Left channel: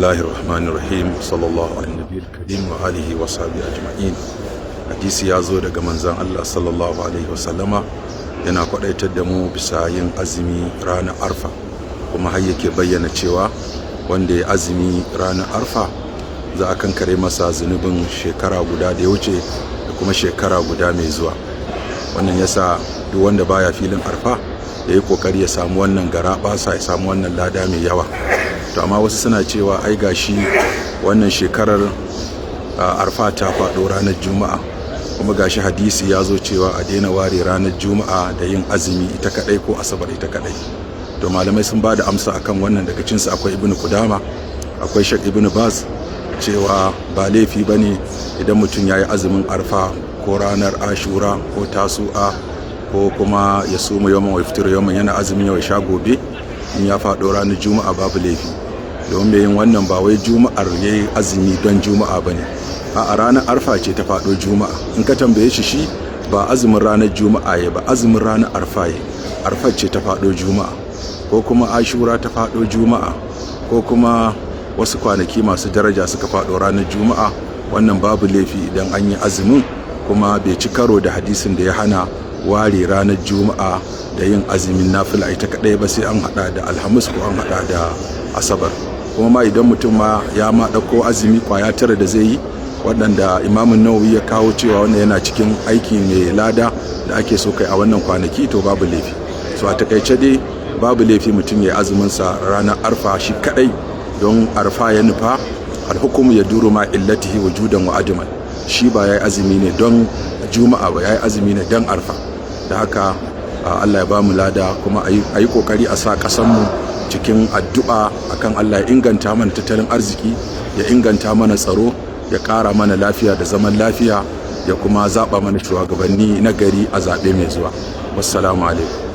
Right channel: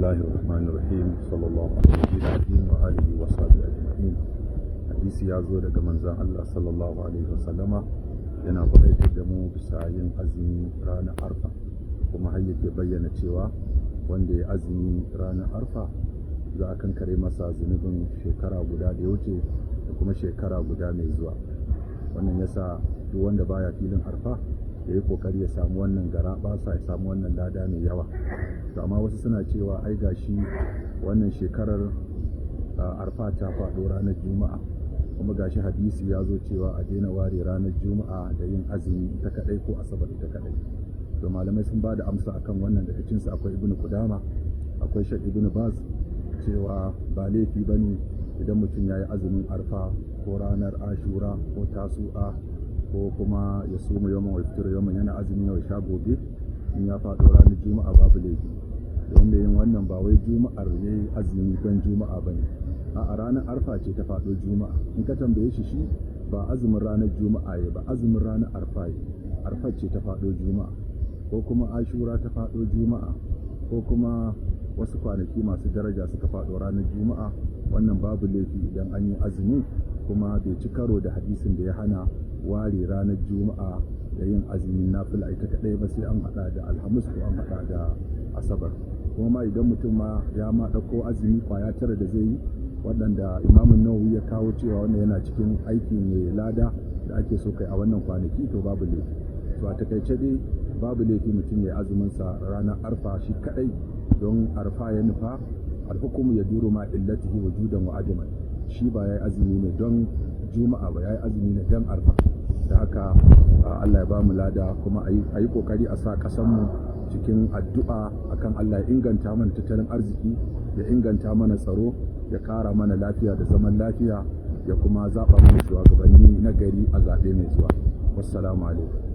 Bismillahir Rahmanir Rahim. Sallallahu alaihi wa alihi wa sahbihi ajma'in. Hadisi ya zo daga manzon Allah sallallahu alaihi wasallama yana kwadaitar da mu bisa yin azumi ranar Arfa, kuma har yake bayyana cewa wanda ya azumi ranar Arfa za a kankare masa zunubin shekara guda da ya wuce da kuma shekara guda mai zuwa. Wannan yasa duk wanda baya filin Arfa ya yi kokari ya samu wannan garabasa, ya samu wannan lada mai yawa. To amma wasu suna cewa ai gashi wannan shekarar Arfa ta faɗo ranar Juma'a, kuma gashi hadisi ya zo cewa a daina ware ranar Juma'a da yin azumi ita kadai ko Asabar ita kadai. To malamai sun ba da amsa akan wannan. Daga cinsu akwai Ibn Qudama, akwai Sheikh Ibn Baz, cewa ba laifi bane idan mutum yayi azumin Arfa ko ranar Ashura ko Tasu'a ko kuma ya suma yawan wa iftir yawan yana azumin yau ya sha gobe, in ya faɗo ranar Juma'a babu laifi. Domin yin wannan ba wai Juma'ar yayi azumi don Juma'a bane, a ranar Arfa ce ta faɗo Juma'a. In ka tambaye shi ba azumin ranar Juma'a ya ba, azumin ranar Arfa ya. Arfa ce ta faɗo Juma'a, ko kuma Ashura ta faɗo Juma'a, ko kuma wasu kwanaki masu daraja suka faɗo ranar Juma'a. Wannan babu laifi idan an yi azumin, kuma bai ci karo da hadisin da ya hana ware ranar Juma'a da yin azumin nafila ita kadai ba, sai an hada da Alhamis ko an hada da Asabar. Kuma ma idan mutum ma ya ma dauko azumi kwaya tara da zai yi, waɗanda Imam Nawawi ya kawo cewa wannan yana cikin aiki mai lada da ake so kai a wannan kwanaki, to babu laifi. So a takaice dai babu laifi mutum ya azumin sa ranar Arfa shi kadai, don Arfa ya nufa. Alhukumu ya duru ma illatihi wujudan wa ajman. Shi ba yayi azumi ne don Juma'a ba, yayi azumi ne don Arfa. Da haka Allah ya ba mu lada, kuma a yi kokari a sa kasanmu cikin addu'a akan Allah ya inganta mana tattalin arziki, ya inganta mana tsaro, ya ƙara mana lafiya da zaman lafiya, ya kuma zaɓa mana shugabanni na gari a zaɓe mai zuwa. Wassalamu alaikum.